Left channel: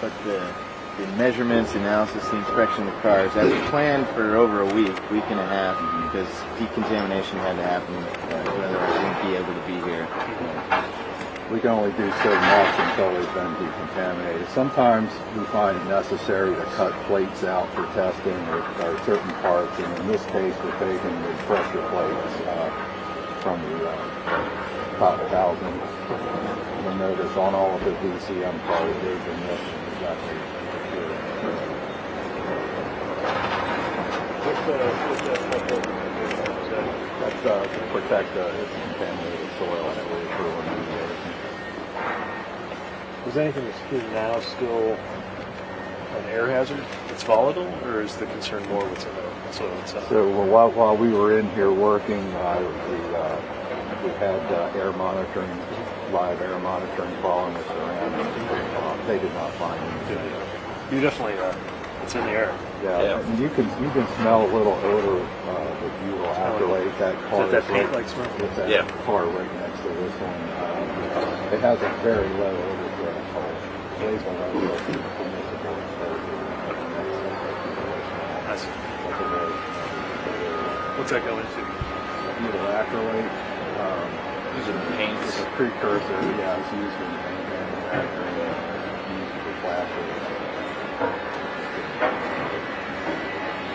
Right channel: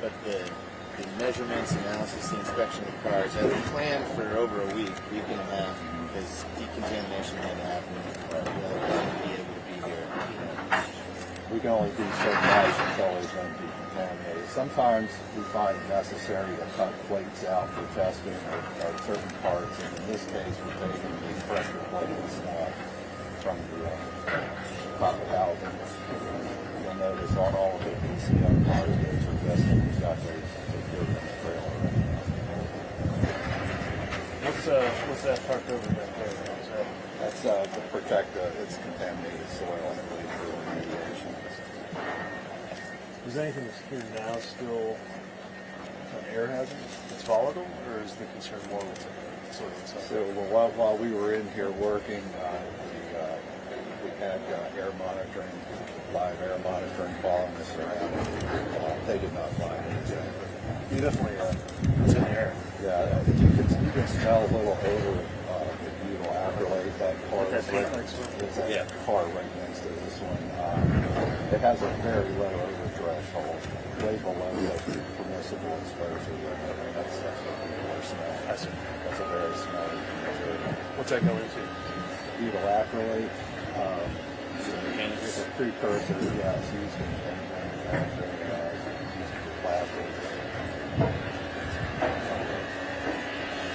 But the measurements, analysis, the inspection of the cars, that was planned for over a week and a half, because decontamination had to happen. Otherwise, we wouldn't be able to be here. We can only do so much until they've been decontaminated. Sometimes we find it necessary to cut plates out for testing or certain parts, and in this case we're taking the pressure plates from the top housing. You'll notice on all of the VCM cars there's emissions. What's that type of? That's to protect its contaminated soil for remediation. Is anything that's here now still an air hazard? It's volatile, or is the concern more what's in the soil itself? So while we were in here working, we had air monitoring, live air monitoring following us around. They did not find anything. You definitely it's in the air. Yeah. You can smell a little odor that you will accolade. That car Is that is right. paint-like smell? It's that car right next to this one. It has a very low odor threshold. They won't have what you I see. It's a very smell. What's that going to? Evil acrylate. Using paints. Precursor, yeah, it's used in manufacturing. Used for plastics.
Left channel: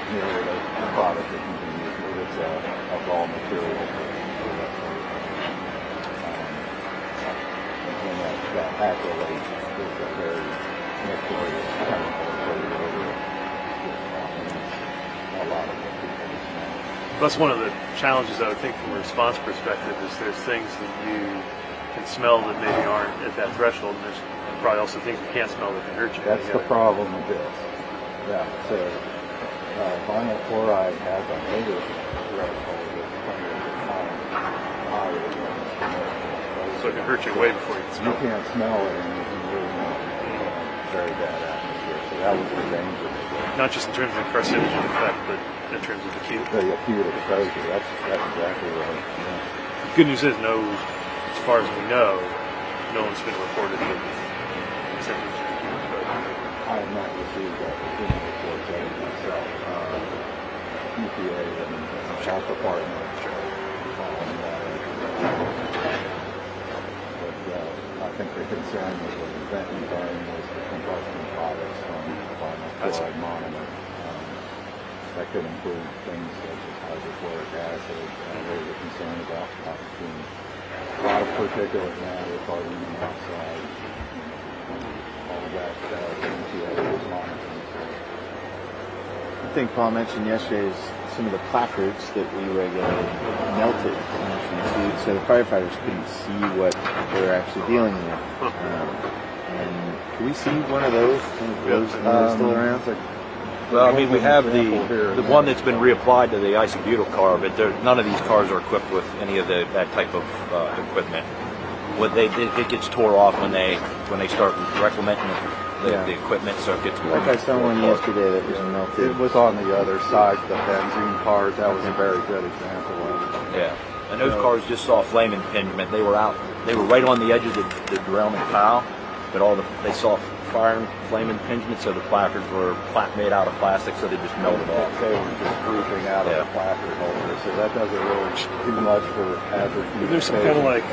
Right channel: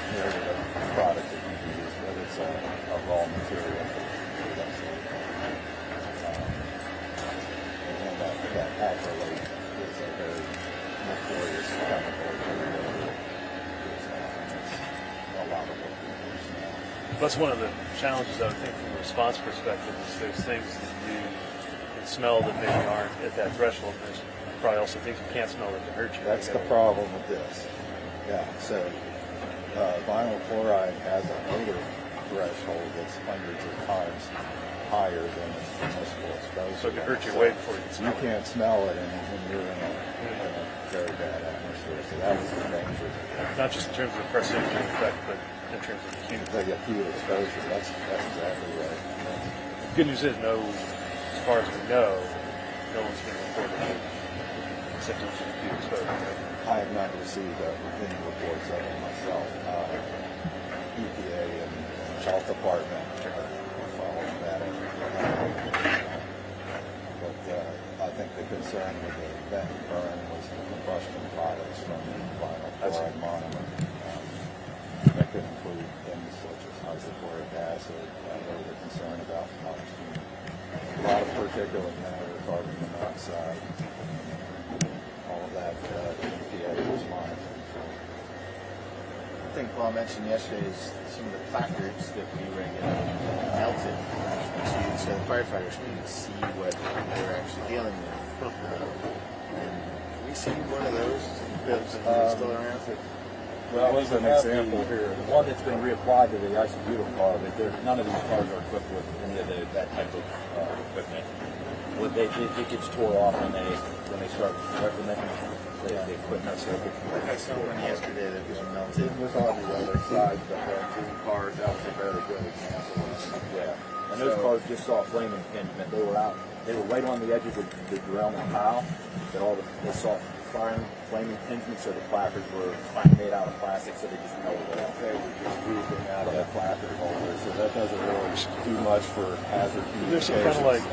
You know, the product that you can use, it's a raw material. And that acrylate is a very notorious chemical for the odor. It's a lot of reputation. That's one of the challenges, I would think, from a response perspective, is there's things that you can smell that maybe aren't at that threshold, and there's probably also things you can't smell that can hurt you. That's the problem with this. Yeah, so vinyl chloride has a odor threshold that's hundreds of times higher than commercial exposure. So it can hurt you way before you can You smell it. can't smell it in very bad atmosphere, so that was the danger. Not just in terms of the carcinogen effect, but in terms of The acute exposure, that's exactly right. Yeah. Good news is, as far as we know, no one's been reported with symptoms of acute exposure. I have not received that opinion reports of it myself. EPA and the health department. I think the concern with venting burning is the combustion products from the vinyl chloride monomer. That could include things such as hydrochloric acid, and we were concerned about phosphine, particulate matter, carbon monoxide, all of that EPA is monitoring. I think Paul mentioned yesterday is some of the placards that we regulated melted. So the firefighters couldn't see what they were actually dealing with. And can we see one of those? Some of those that are still around? Well, I mean, we have here. the one that's been reapplied to the isobutyl car, but none of these cars are equipped with any of that type of equipment. It gets tore off when they start reclementing the equipment, so it gets more. Like I saw one yesterday that was melted. It was on the other side, the benzene cars. That was a very good example of it. Yeah, and those cars just saw flame impingement. They were right on the edge of the derailment pile, but they saw fire and flame impingement, so the placards were made out of plastic, so they just melted off. They were just grouping out of the placard holder, so that doesn't really do much for hazard communication. There's some kind of like,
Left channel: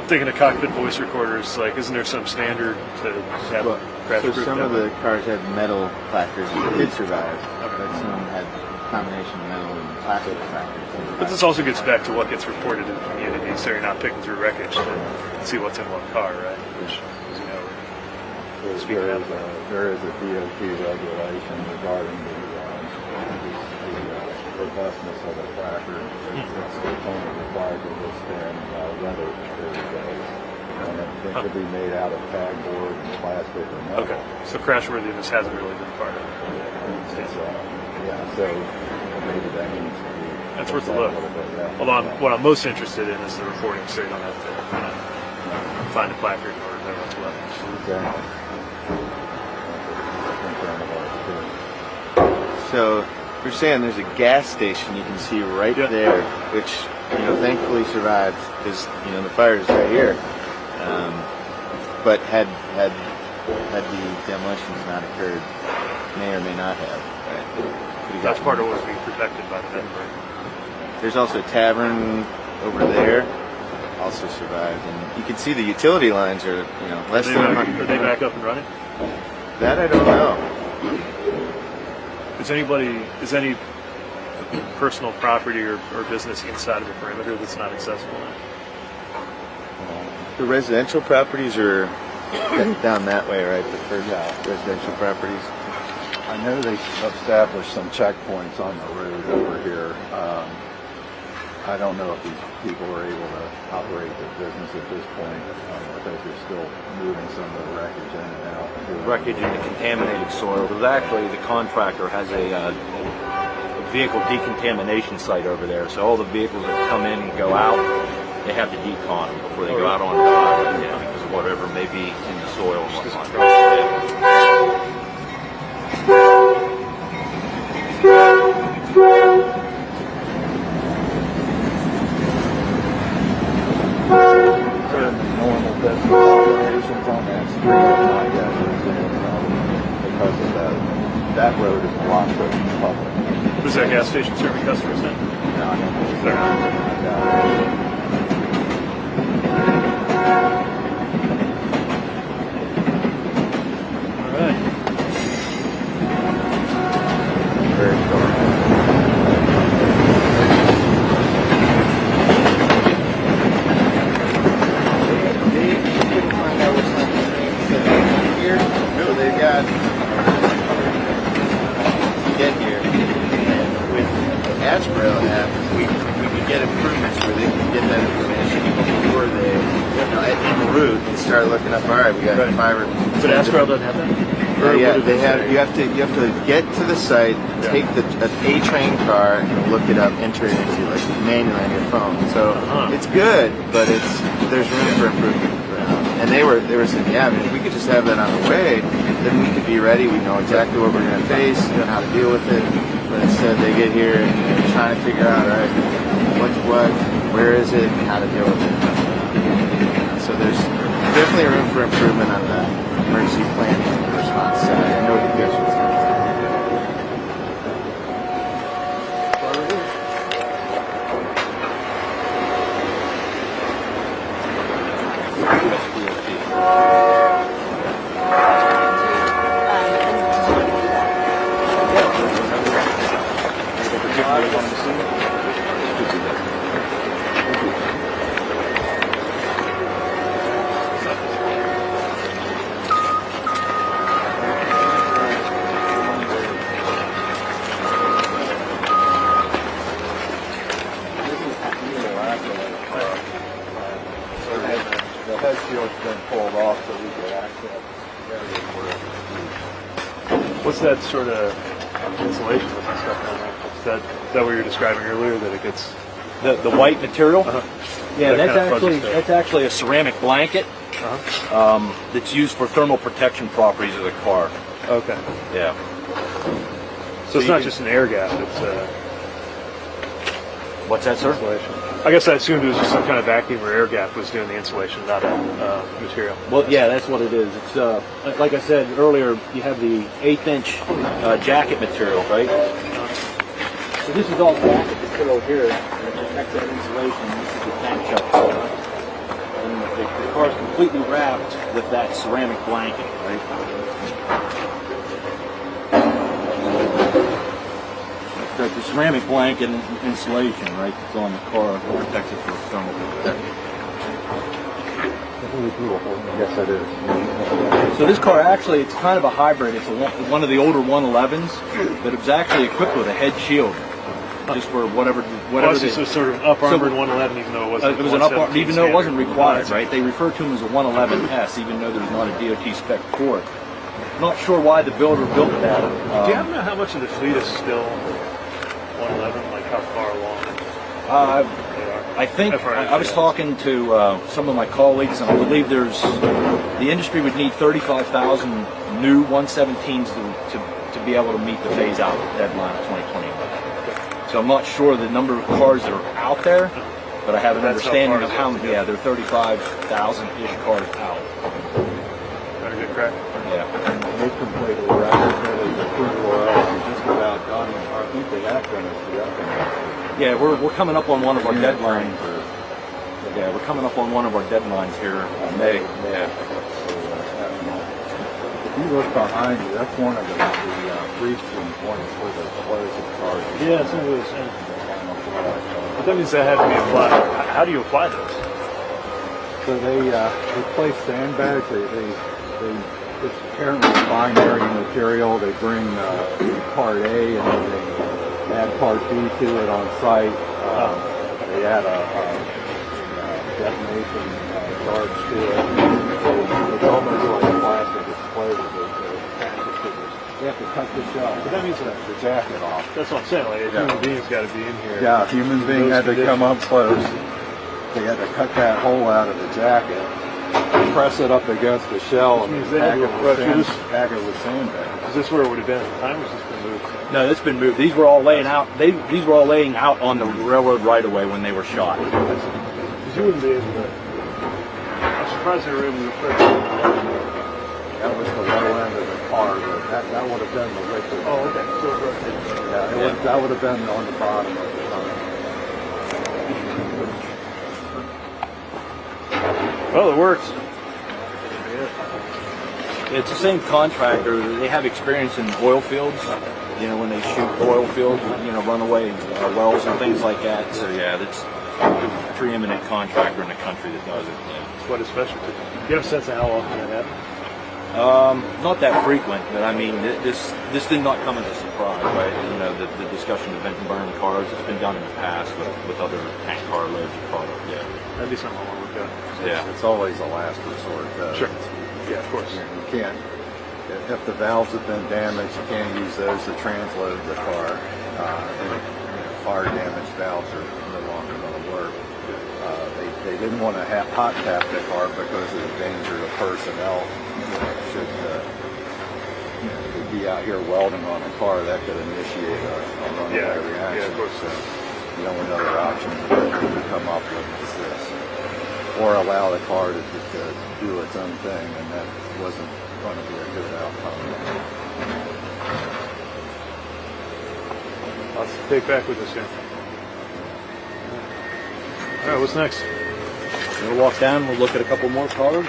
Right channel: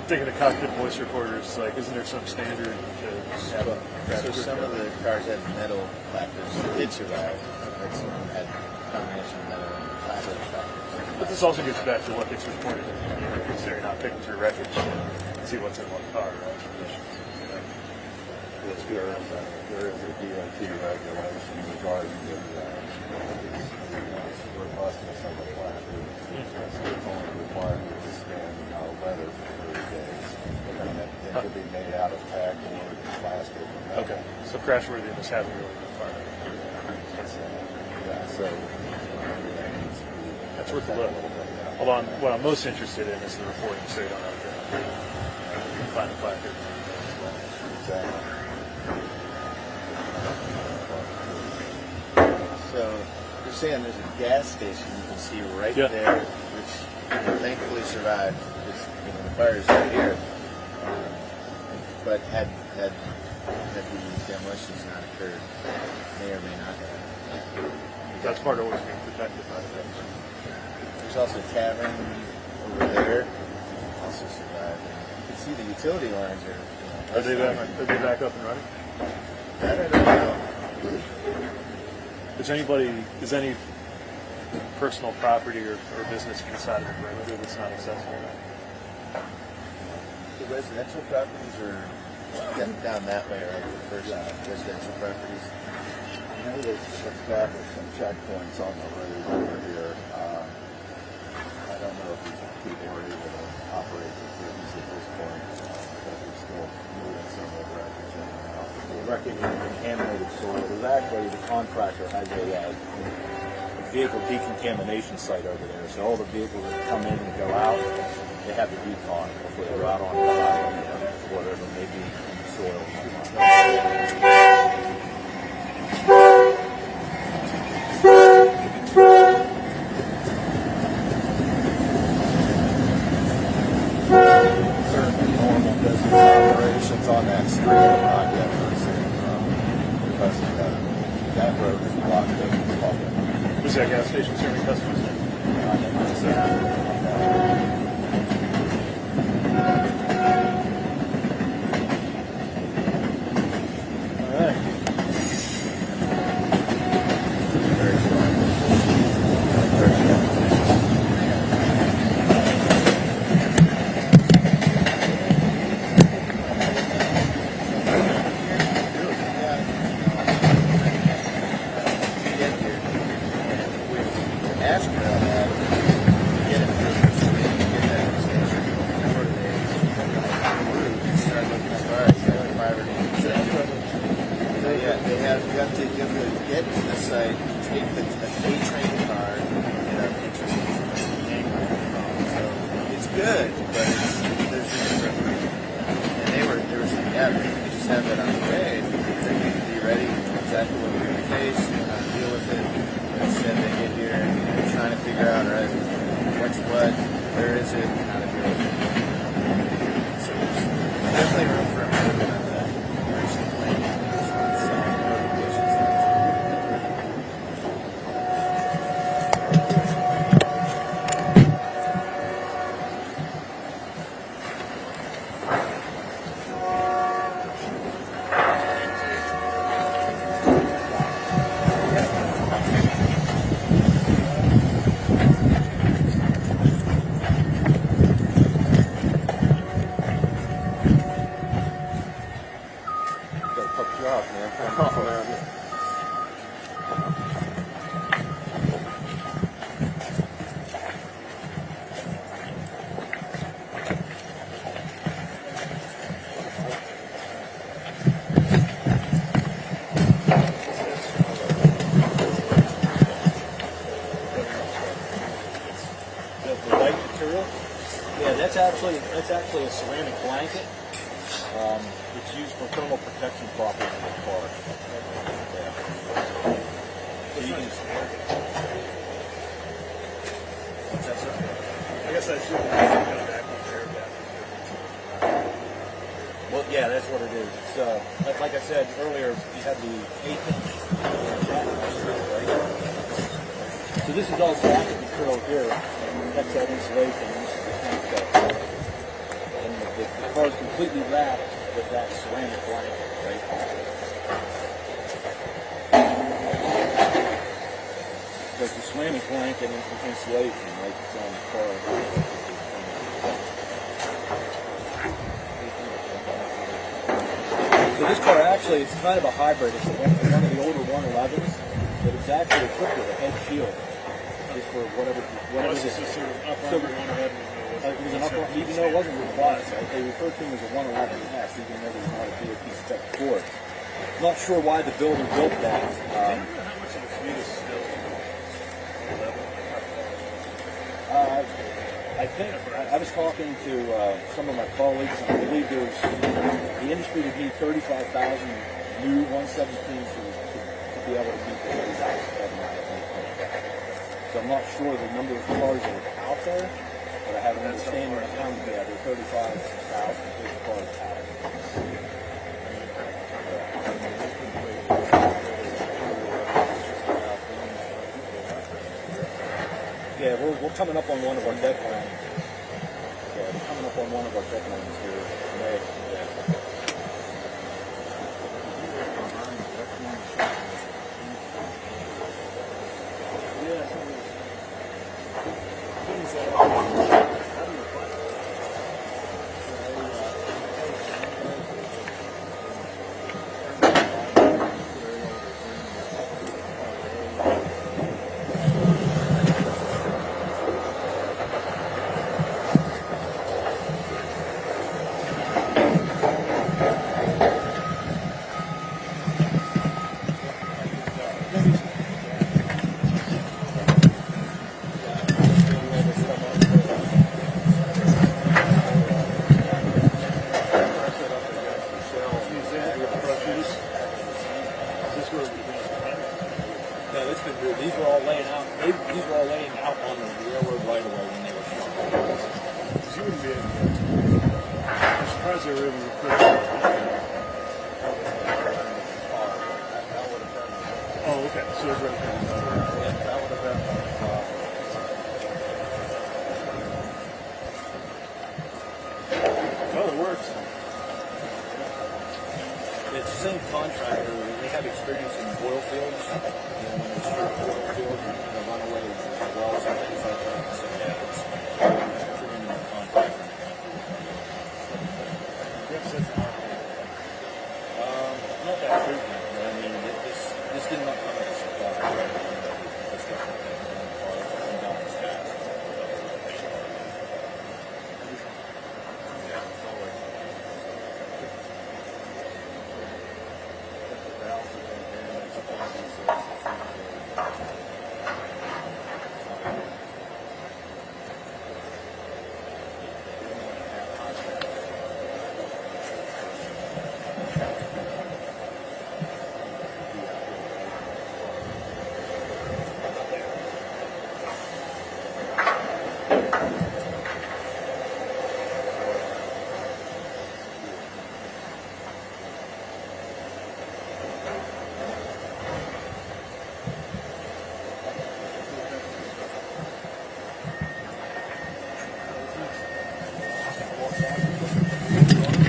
I'm thinking of cockpit voice recorders, like, isn't there some standard to have crash So proof some of down the cars had metal placards that did survive, but some had a combination of metal and plastic placards. But this also gets back to what gets reported in the community, so you're not picking through wreckage to see what's in one car, right? There is a DOT regulation regarding the robustness of the placard. It's only required to withstand weather for 30 days. And it could be made out of tag board and plastic or metal. Okay, so crashworthiness hasn't really been part of it. So maybe that needs to be. That's worth a looked look. at little bit, yeah. Although what I'm most interested in is the reporting, so you don't have to find a placard or what's left. Exactly. So we're saying there's a gas station you can see right there, which thankfully survived because the fire is right here, but had had the demolitions not occurred, may or may not have. That's part of what was being protected by the net. There's also a tavern over there, also survived, and you can see the utility lines are, less than. Are they back up and running? That I don't know. Is any personal property or business inside of the perimeter that's not accessible now? The residential properties are down that way, right? The first residential properties. I know they established some checkpoints on the road over here. I don't know if these people are able to operate their business at this point because they're still moving some of the wreckage in and out. The wreckage and the contaminated soil. There's actually, the contractor has a vehicle decontamination site over there. So all the vehicles that come in and go out, they have to decon them before they go out on the highway, because of whatever may be in the soil and whatnot. Normal business operations on that street have not yet resumed because of that road is blocked open to the public. Was that gas station serving customers then? No, I don't think so. All right. Very short. Ashborough app, we can get improvements where they can get that information before they, en route and start looking up. All right, we got 5 or. But Ashborough doesn't have that. Yeah, they have. You have to get to the site, take the A train car, and look it up, enter it into like manually on your phone. So it's good, but there's room for improvement. And they were saying, yeah, if we could just have that on the way, then we could be ready. We know exactly what we're going to face, how to deal with it. But instead, they get here and they're trying to figure out, all right, what's what, where is it, and how to deal with it. So there's definitely room for improvement on the emergency planning and response side and notifications. What's that sort of insulation stuff? Is that what you were describing earlier? That it gets The white material? Yeah, That that's kind of actually fuzzy stuff. that's actually a ceramic blanket that's used for thermal protection properties of the car. okay. Yeah. So it's you not can- just an air gap. It's What's that, sir? insulation. I guess I assumed it was just some kind of vacuum or air gap was doing the insulation, not material. Well, yeah, that's what it is. It's like I said earlier, you have the 1/8-inch jacket material, right? So this is all jacket material here, and it protects that insulation. And the car is completely wrapped with that ceramic blanket, right? Got the ceramic blanket and insulation, right? It's on the car, protected from thermal protection. Yes, it is. So this car actually, it's kind of a hybrid. It's one of the older 111s, but it was actually equipped with a head shield, just for whatever Plus, they- this was sort of up armored So- 111, even though it wasn't. it was an up, 117 even though it wasn't standard. required, right? They refer to them as a 111S, even though there's not a DOT spec for it. Not sure why the builder built that. Do you happen to know how much of the fleet is still 111? Like how far along? I think I was talking to some of my colleagues, and I believe the industry would need 35,000 new 117s to be able to meet the phase out deadline of 2020. So I'm not sure the number of cars that are out there, but I have an That's how understanding far of is how it? many. Yeah, there are 35,000-ish cars out. Very good, correct? completely retrofitted the 340 just about done. I think the Akron is the upcoming. Yeah, we're coming up on one of our deadlines. Yeah, we're coming up on one of our deadlines here in May. Yeah. If you look behind you, that's one of the briefs and points for the explosive charges. Yeah, that's what I was saying. But that means that had to be applied. How do you apply those? So they place sandbags. They it's apparently binary material. They bring part A and they add part B to it on site. They add a detonation charge to it. It's almost like a plastic explosive. You have to cut this off. But that means that The jacket off. that's what I'm saying. Like, a human being's got to be in here. Yeah, a human being had to come up close. They had to cut that hole out of the jacket, press it up against the shell, and Geez, they had to tag it with sandbags. Is this where it would have been at the time, or has this been moved? No, it's been moved. These were all laying out. These were all laying out on the railroad right away when they were shot. Because you wouldn't be able to. I'm surprised they were able to put it. That was the low end of the car. That would have been the liquid. Oh, okay. So, Yeah, that would have been on the bottom of the car. well, it works. It's the same contractor. They have experience in oil fields. You know, when they shoot oil fields, you know, runaway wells and things like that. So yeah, that's a preeminent contractor in the country that does it. What is special? Do you have a sense of how often that happens? Not that frequent, but I mean, this did not come as a surprise, right? You know, the discussion of vent and burn cars has been done in the past with other tank car loads of product. Yeah. That'd be something I want to look at. Yeah. It's always a last resort. Sure. Yeah, of course. You can't, if the valves have been damaged, you can't use those to transload the car. Fire damaged valves are no longer going to work. They didn't want to hot tap the car because of the danger to personnel. Should be out here welding on a car, that could initiate a runaway reaction. Yeah, of course. So the only other option to come up with is this. Or allow the car to do its own thing, and that wasn't going to be a good outcome. Lots to take back with us here. All right, what's next? We'll walk down. We'll look at a couple more cars.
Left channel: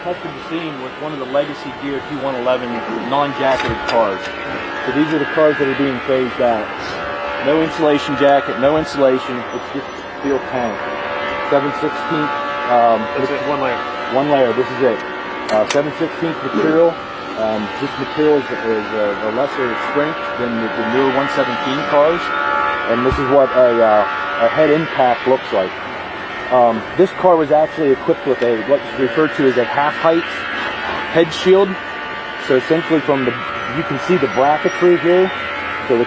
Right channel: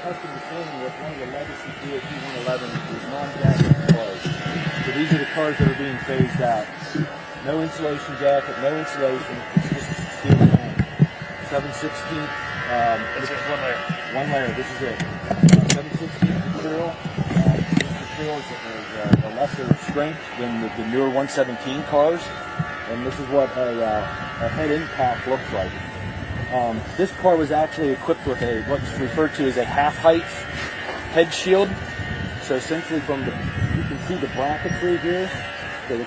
Accustomed to seeing with one of the legacy DOT 111 non-jacketed cars. So these are the cars that are being phased out. No insulation jacket, no insulation. It's just steel tank. 7/16. That's it, one layer. One layer. This is it. 7/16 material. This material is a lesser strength than the newer 117 cars, and this is what a head impact looks like. This car was actually equipped with what's referred to as a half-height head shield. So essentially, you can see the bracketry here. So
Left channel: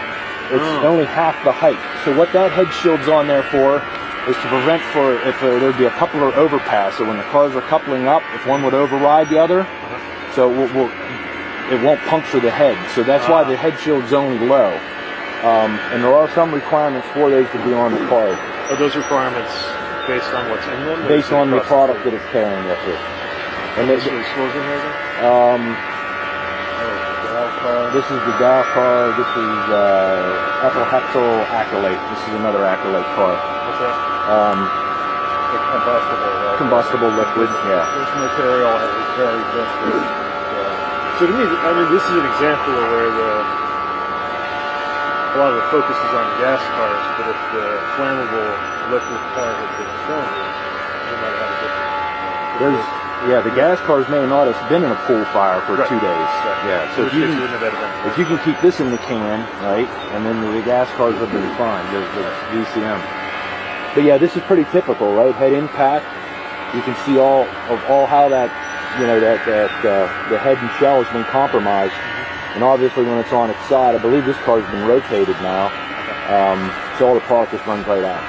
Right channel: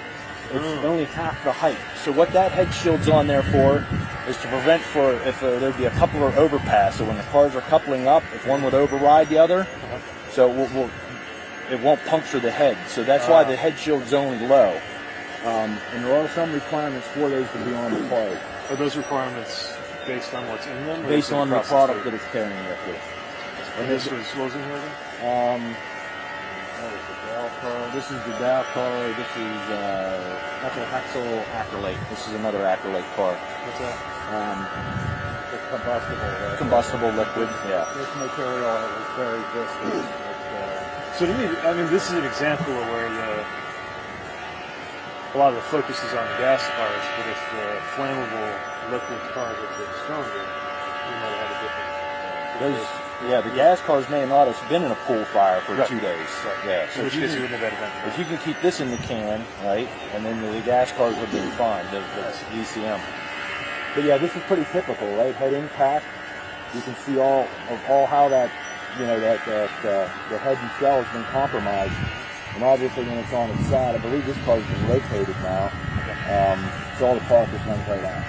it's only half the height. So what that head shield's on there for is to prevent if there'd be a coupler overpass. So when the cars are coupling up, if one would override the other, so it won't puncture the head. So that's why the head shield's only low. And there are some requirements for those to be on the car. Are those requirements based on what's in them? Based on the product that it's carrying with it. And This was in here again? This is the Dow car. This is ethyl hexyl acrylate. This is another acrylate car. What's that? It's Combustible liquid, yeah. This material is very viscous. So to me, I mean, this is an example of where a lot of the focus is on gas cars, but if the flammable electric car had been stronger, we might have a different. The gas cars may not have been in a pool fire for Right. 2 days. Right. Yeah, So so which case you wouldn't have had event. if you can keep this in the can, right, and then the gas cars would have been fine, the VCM. But yeah, this is pretty typical, right? Head impact. You can see all how that, the head and shell has been compromised. And obviously when it's on its side, I believe this car's been rotated now. So all the product just runs right out.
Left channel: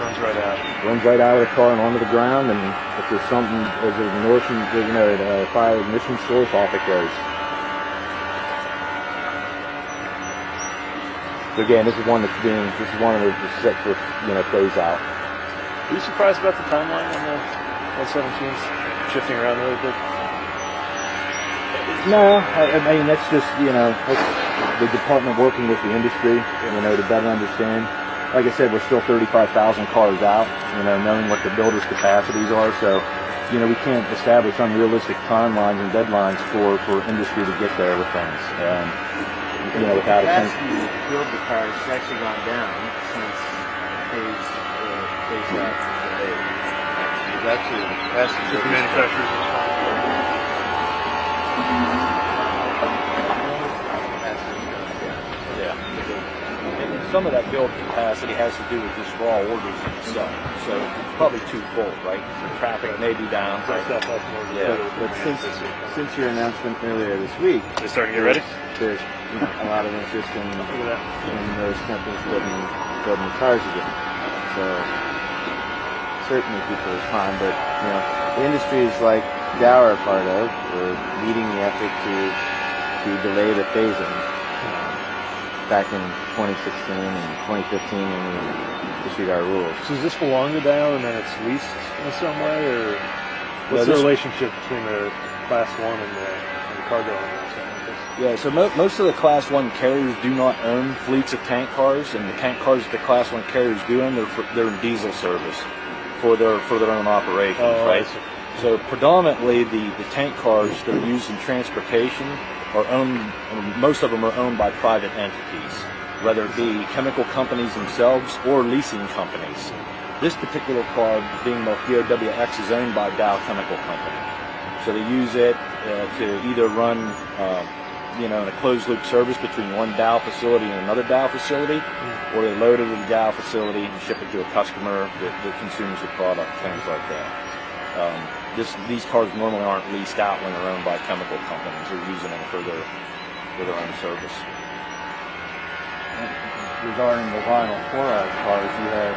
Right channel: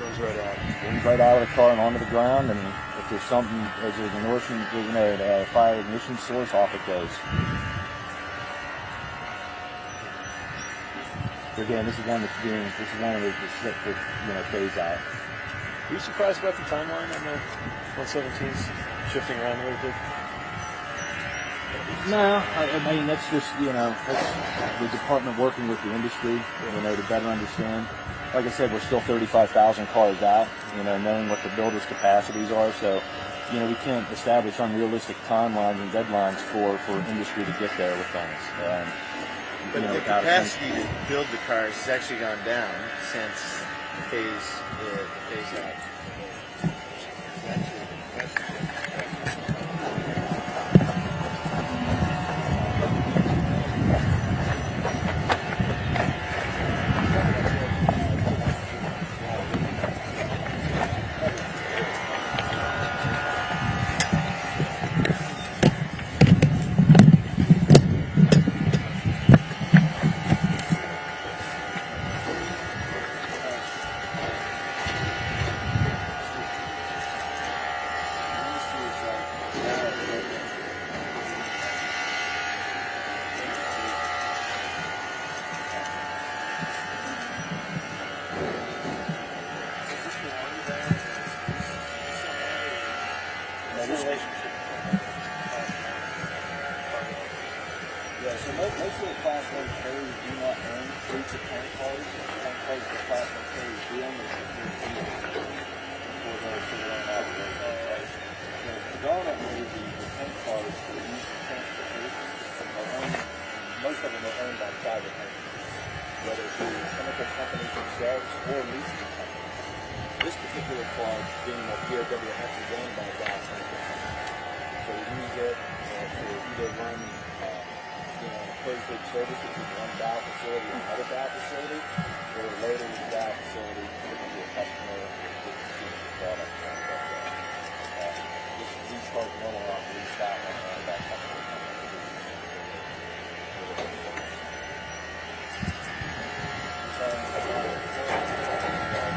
Runs right out. Runs right out of the car and onto the ground, and if there's something, there's an ignition, a fire ignition source, off it goes. So again, this is one of the set for, phase out. Are you surprised about the timeline on the 117s shifting around really quick? No, I mean, that's just, that's the department working with the industry, to better understand. Like I said, we're still 35,000 cars out, knowing what the builders' capacities are. So, we can't establish unrealistic timelines and deadlines for industry to get there with things. Without a sense. The capacity to build the cars has actually gone down since phase out today. It's actually the capacity The manufacturers. Some of that build capacity has to do with just raw orders itself. So probably too full, right? Traffic may be down. But since your announcement earlier this week, They starting to get ready? there's a lot of interest in those companies building the cars again. So certainly people respond, but the industries like Dow are a part of, we're leading the effort to delay the phasing. Back in 2016 and 2015 when we issued our rules. So is this for longer down and then it's leased in some way, or what's the relationship between the Class 1 and the cargo owners? Yeah, so most of the Class 1 carriers do not own fleets of tank cars, and the tank cars that the Class 1 carriers do own, they're in diesel service for their own operations, right? So predominantly the tank cars that are used in transportation are owned, most of them are owned by private entities, whether it be chemical companies themselves or leasing companies. This particular car, being the BOWX, is owned by Dow Chemical Company. So they use it to either run, in a closed-loop service between one Dow facility and another Dow facility, or they load it in the Dow facility and ship it to a customer that consumes the product, things like that. These cars normally aren't leased out when they're owned by chemical companies. They're using it for their own service. Regarding the vinyl chloride cars, you have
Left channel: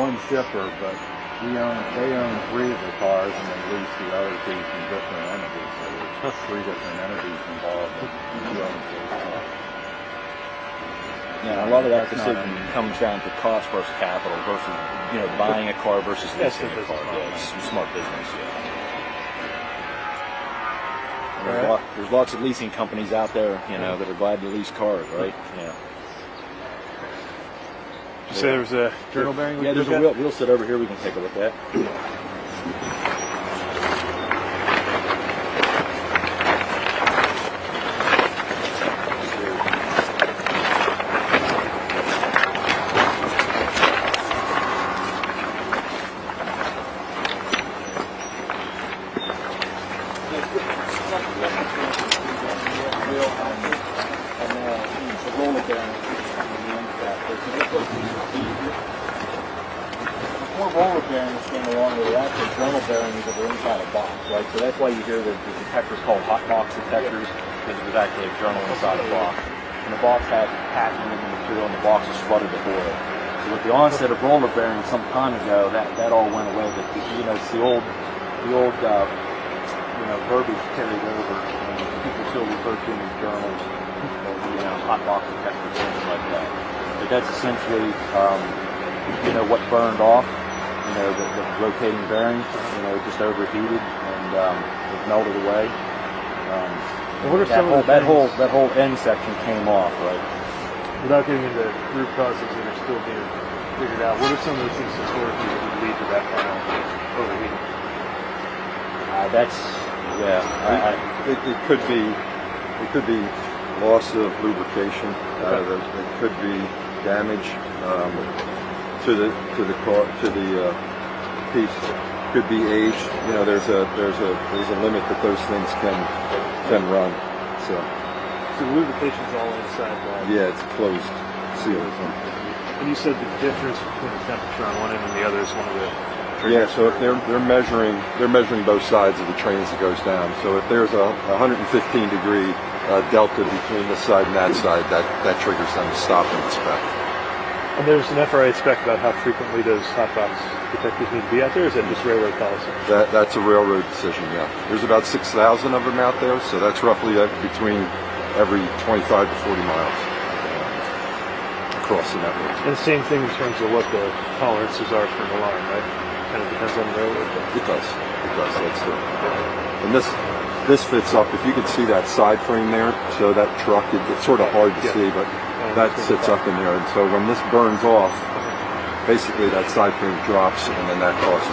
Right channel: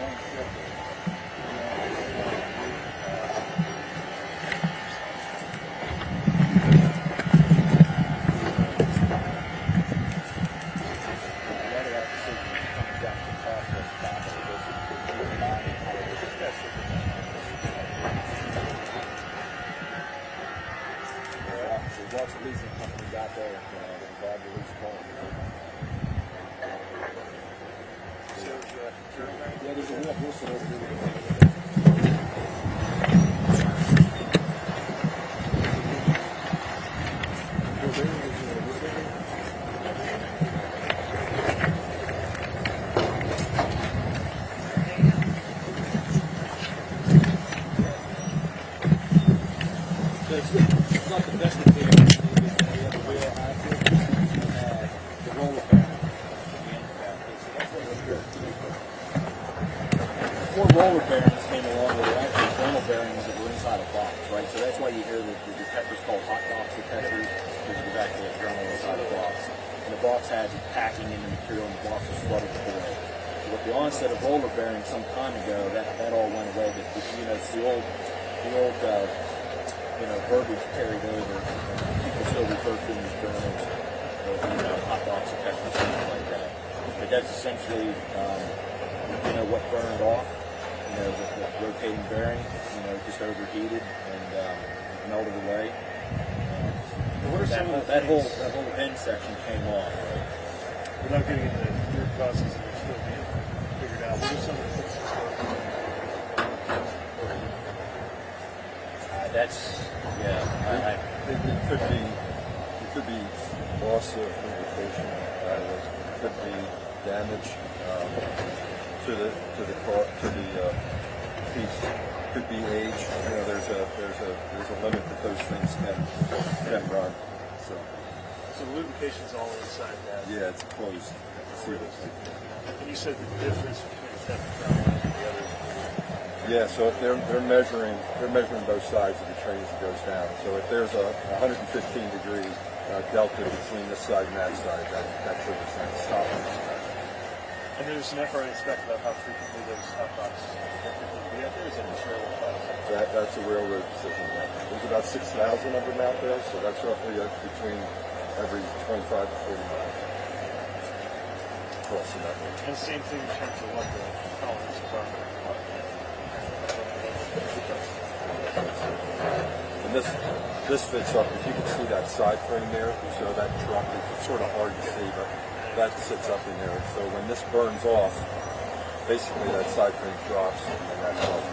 one shipper, but they own 3 of the cars and then lease the other 2 from different entities. So 3 different entities involved. Now, a lot of that decision comes down to cost versus capital versus, buying a car versus leasing a car. Yeah, it's smart business. Yeah. There's lots of leasing companies out there, that are glad to lease cars, right? You say there was a journal bearing? Yeah, there's a wheel. We'll sit over here. We can take a look at. Before roller bearings came along, there were actually journal bearings that were inside a box, right? So that's why you hear the detectors called hot box detectors, because it was actually a journal inside a box. And the box had packing material, and the box was flooded with oil. So with the onset of roller bearings some time ago, that all went away. But it's the old verbiage carried over. People still refer to them as journals, or hot box detectors, things like that. But that's essentially what burned off. The rotating bearing, it just overheated and it melted away. What are some of the that whole end section came off, right? Without getting into root causes that are still being figured out, what are some of the things historically that would lead to that kind of overheating? It could be It could be loss of lubrication. There could be damage to the car, to the piece. Could be age. You know, there's a limit that those things can run. So So the lubrication's all inside that. yeah, it's closed seals. And you said the difference between the temperature on one end and the other is one of the. Yeah, so if they're measuring both sides of the train as it goes down. So if there's a 115 degree delta between this side and that side, that triggers them to stop and inspect. And there's an FRA spec about how frequently those hot box detectors need to be out there, or is that just railroad policy? That's a railroad decision. Yeah, there's about 6,000 of them out there, so that's roughly between every 25 to 40 miles across the network. And the same thing in terms of what the tolerances are for an alarm, right? Kind of depends on the railroad. It does. It does. That's it. And this fits up. If you can see that side frame there, so that truck, it's sort of hard to see, but that sits up in there. And so when this burns off, basically that side frame drops, and then that causes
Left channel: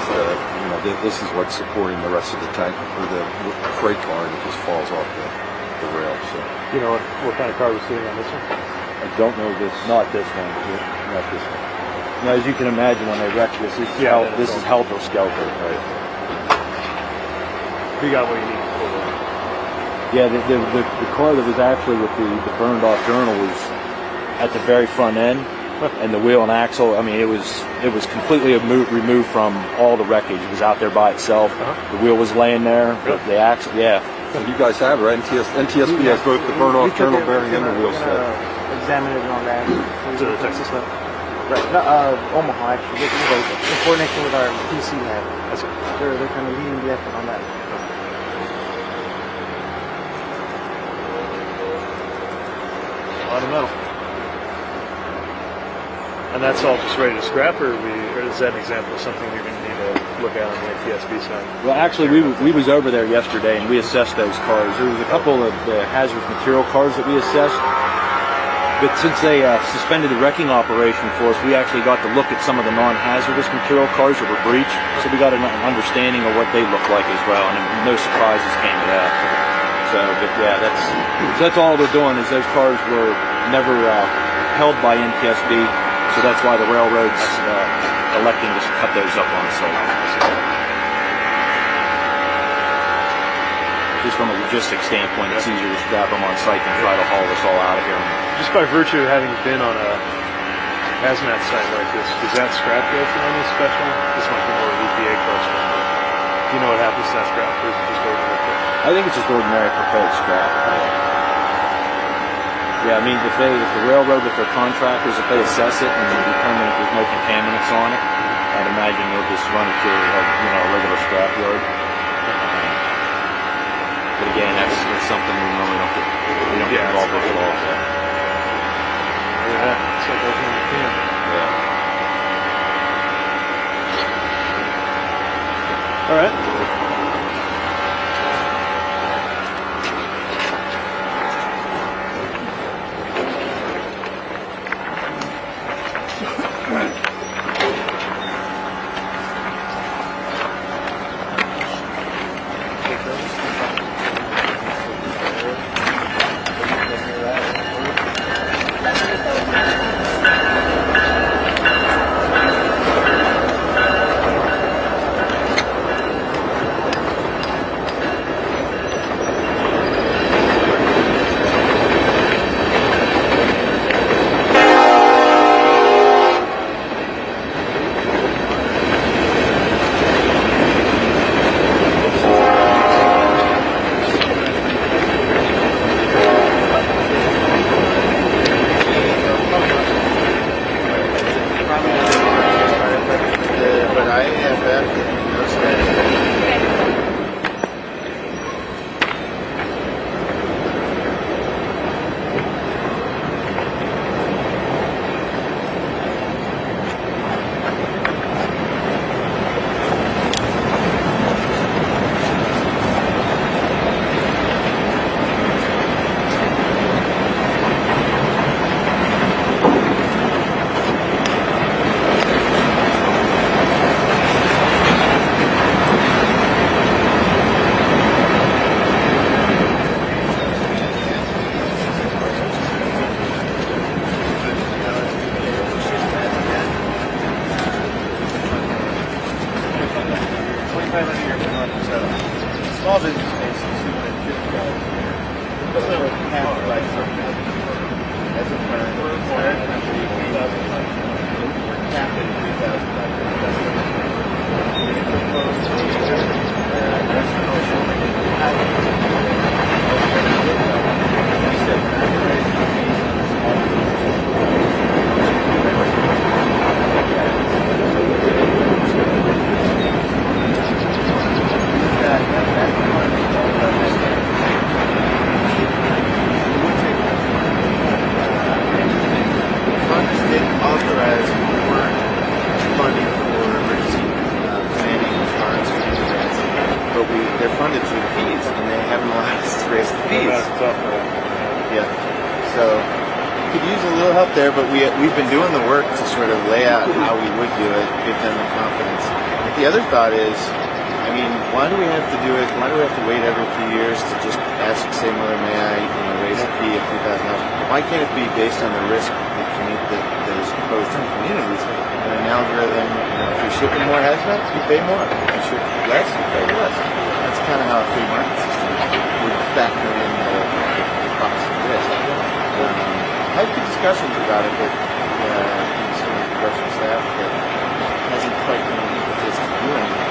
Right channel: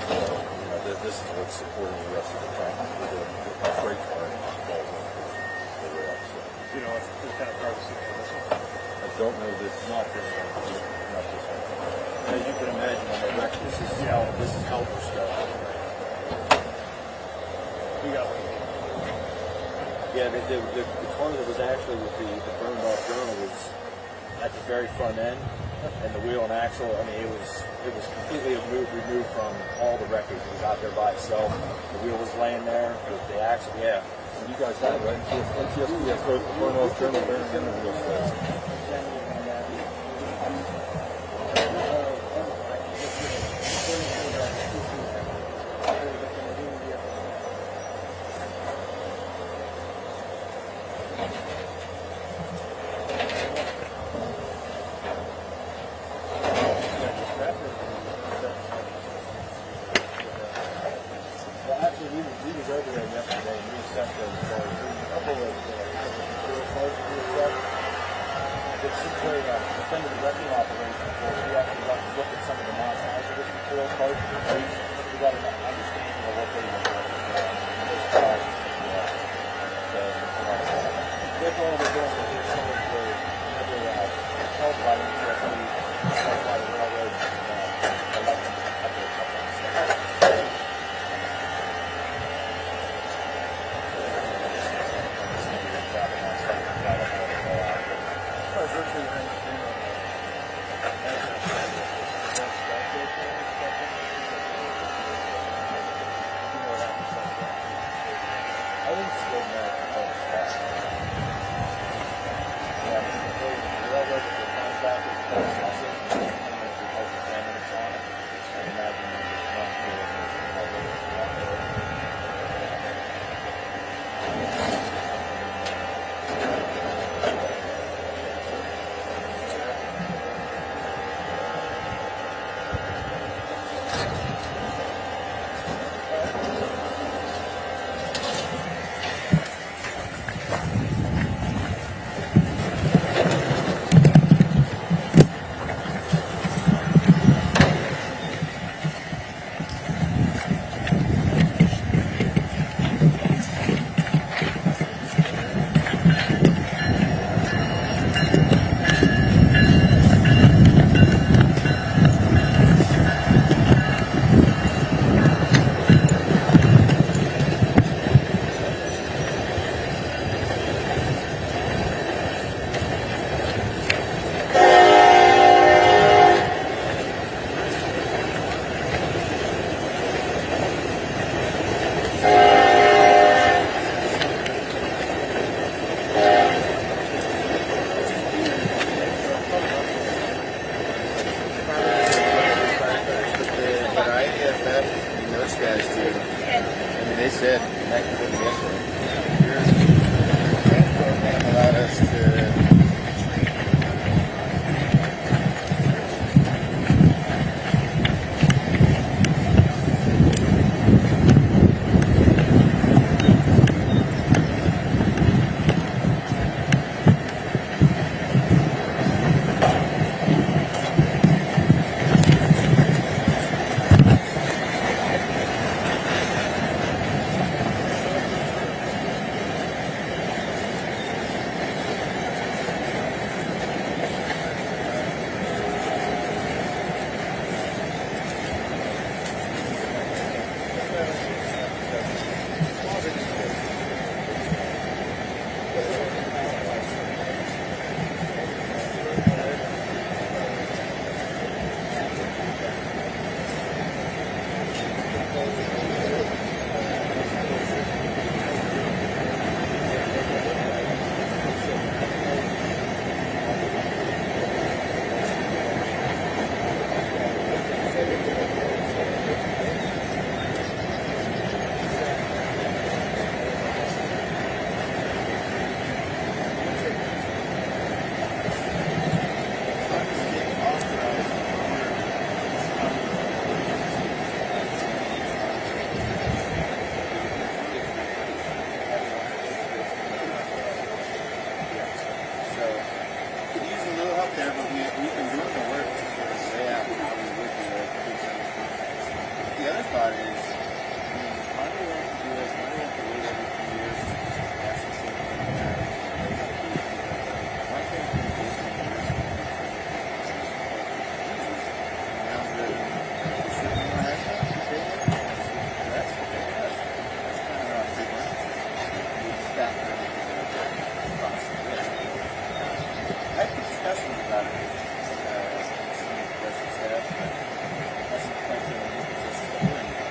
this is what's supporting the rest of the tank or the freight car, and it just falls off the rail. So You know what kind of car was sitting on this one? I don't know this. Not this one. Not this one. Now, as you can imagine, when they wreck this, is helter skelter. Right? You got what you need for it. Yeah, the car that was actually with the burned off journal was at the very front end, and the wheel and axle. I mean, it was completely removed from all the wreckage. It was out there by itself. The wheel was laying there. The axle, yeah. And you guys have it, right? NTSB has both the burn off journal bearing and the wheel set. Examine it on that. To the Texas stuff. Right. Omaha, actually. In coordination with our PC lab. That's it. They're kind of leading the effort on that. I don't know. And that's all just ready to scrap, or is that an example of something you're going to need to look at on the TSB side? Well, actually, we was over there yesterday, and we assessed those cars. There was a couple of the hazardous material cars that we assessed. But since they suspended the wrecking operation for us, we actually got to look at some of the non-hazardous material cars that were breached. So we got an understanding of what they look like as well, and no surprises came to that. So, but yeah, that's all they're doing is those cars were never held by NTSB, so that's why the railroad's electing to cut those up on site. Just from a logistics standpoint, it's easier to scrap them on site than try to haul this all out of here. Just by virtue of having been on a hazmat site like this, does that scrap go through any special? This might be more EPA question, but do you know what happens to that scrap, or is it just ordinary? I think it's just ordinary proposed scrap. Yeah, I mean, if the railroad with their contractors, if they assess it and determine if there's no contaminants on it, I'd imagine they'll just run it to a regular scrap yard. But again, that's something we really don't get involved with at all. Yeah, it's like opening a can. Yeah. All right. passed by something. As a firm, fire company capped at 3,000 by Congress didn't authorize more funding for emergency planning and response grants, but they're funded through the fees, and they haven't allowed us to raise the fees. That's tough, right? Yeah. So could use a little help there, but we've been doing the work to sort of lay out how we would do it, give them the confidence. But the other thought is, I mean, why do we have to do it? Why do we have to wait every few years to just ask, say, Mother, may I raise a fee of $3,000? Why can't it be based on the risk that is posed to communities? And an algorithm, if we ship in more hazmats, you pay more. If you ship less, you pay less. That's kind of how a free market system would factor in the cost of risk. I had good discussions about it with some of the production staff, but hasn't quite been an impetus to do anything.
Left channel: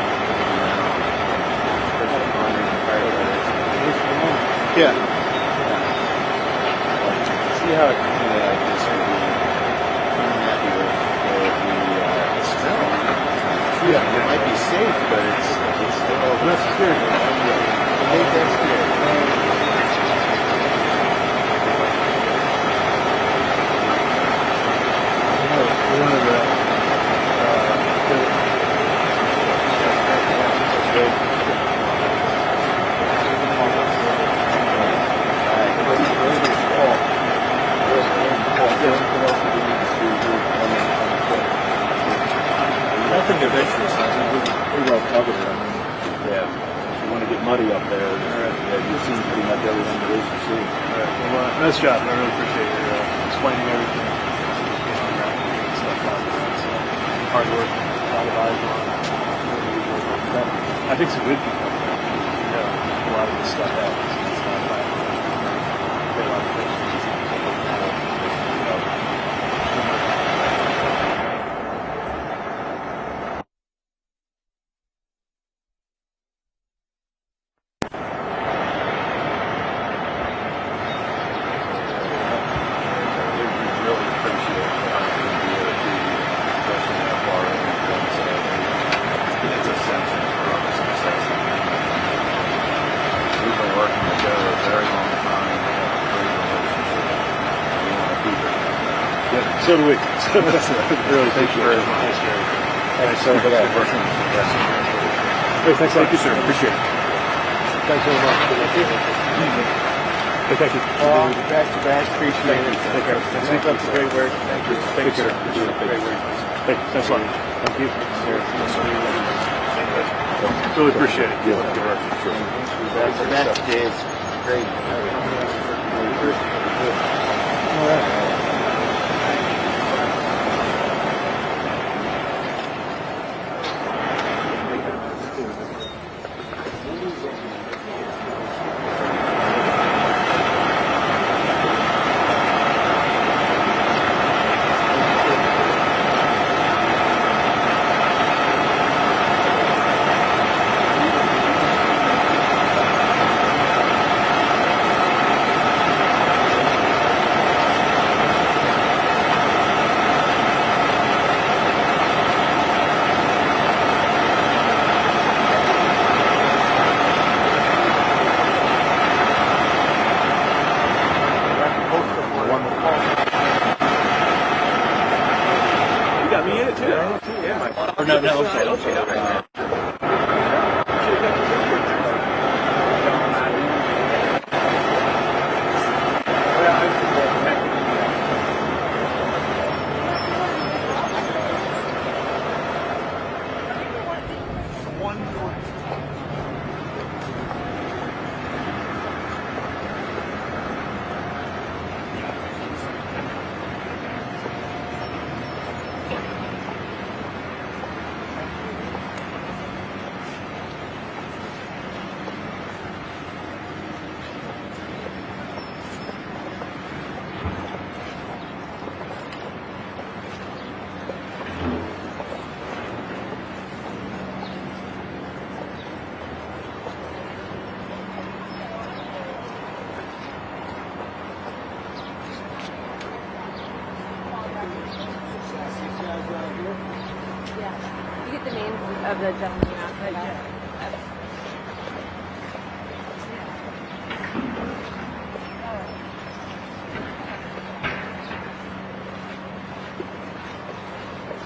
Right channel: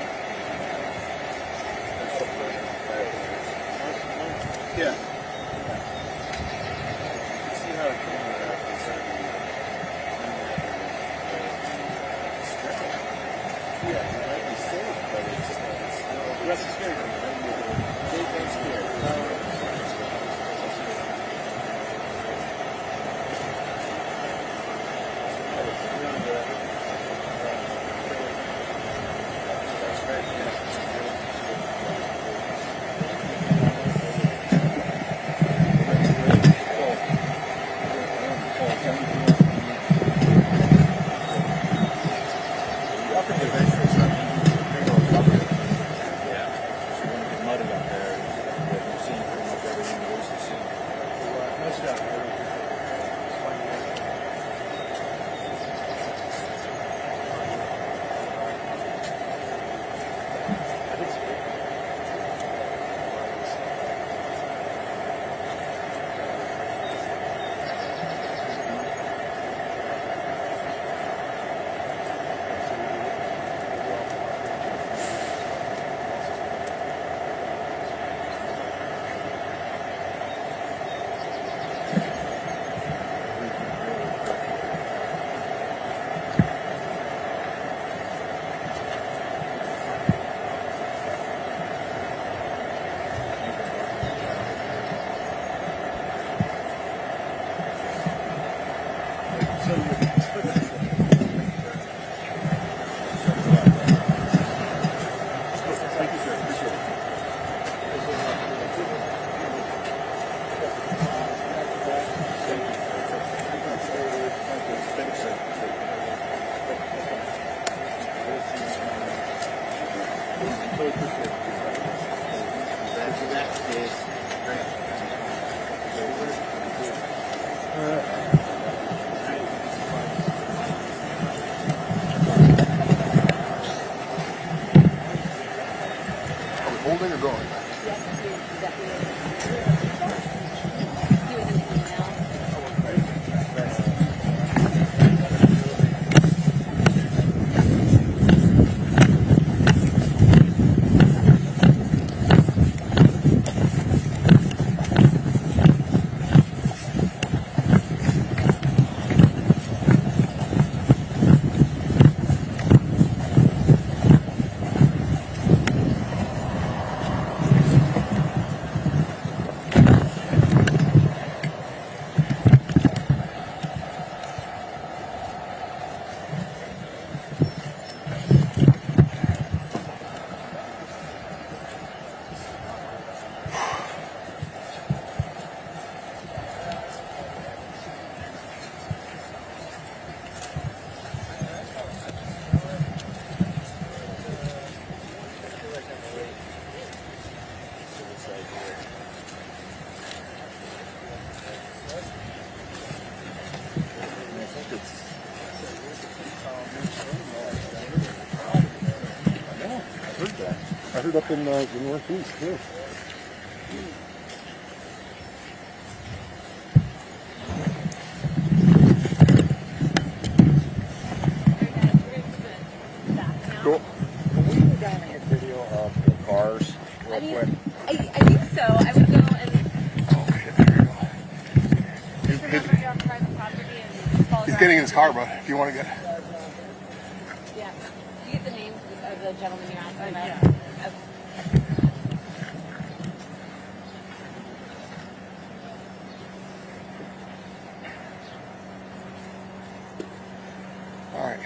Yeah. See how a company like this would be unhappy with the still. Yeah, it might be safe, but it's still. That's scary. I think that's good. Nothing of interest. I mean, we well covered it. Yeah. If you want to get muddy up there, you've seen pretty much everything there is to see. Well, nice job. I really appreciate your explaining everything. Hard work. I think it's a good thing. A lot of this stuff happens. So do we. Really, thank you very much. Thanks so for that. Great, thanks. Thank you, sir. Appreciate it. Thanks very much. Thank you. Back to back, appreciate it. Take care. Keep up the great work. Thank you, sir. Great work. Thank you. Thanks a lot. Thank you. Really appreciate it. Good work. That is great. All right. Up in the northeast, too. getting in his car, brother. If you want to get it. Yeah. You get the names of the gentlemen outside. All right.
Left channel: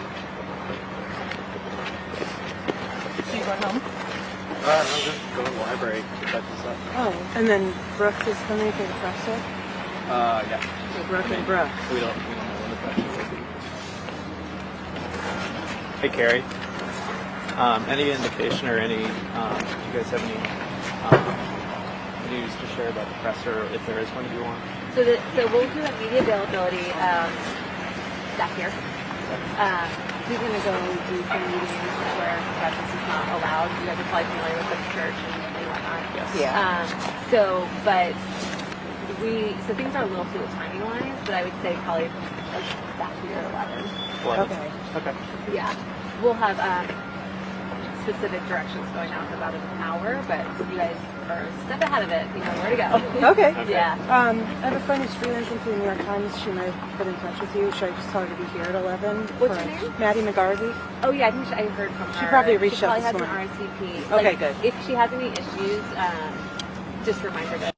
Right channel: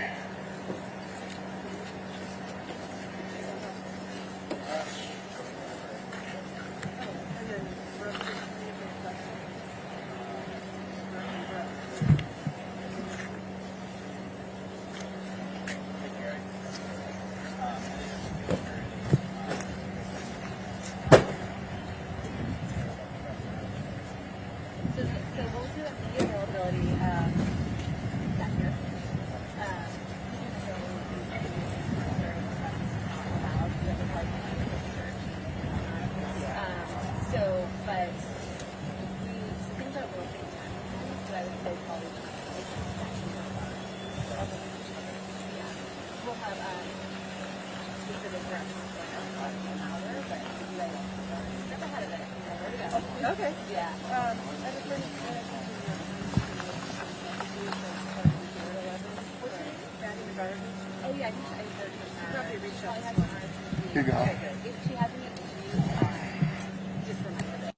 So you going home? I'm just going to the library to type this up. Oh, and then Brooke is coming for the press set? Yeah. So Brooke and Brooke. We don't know what the press is. Hey, Carrie. Any indication or any, do you guys have any news to share about the presser, if there is one you want? So we'll do a media availability back here. He's going to go do some meetings where presence is not allowed. You guys are probably familiar with the church and whatnot. Yes. Yeah. So things are a little fluid timing wise, but I would say probably like back here at 11. Okay. Okay. Yeah. We'll have specific directions going out in about an hour, but you guys are a step ahead of it. You know where to go. Okay. Yeah. I have a friend who's freelancing for the New York Times. She might have put in touch with you. Should I just tell her to be here at 11? What's for her name? Maddie McGarvey. Oh yeah, I think I heard from her. She probably reached out She this probably has an morning. RSVP. Okay, good. If she has any issues, just remind her to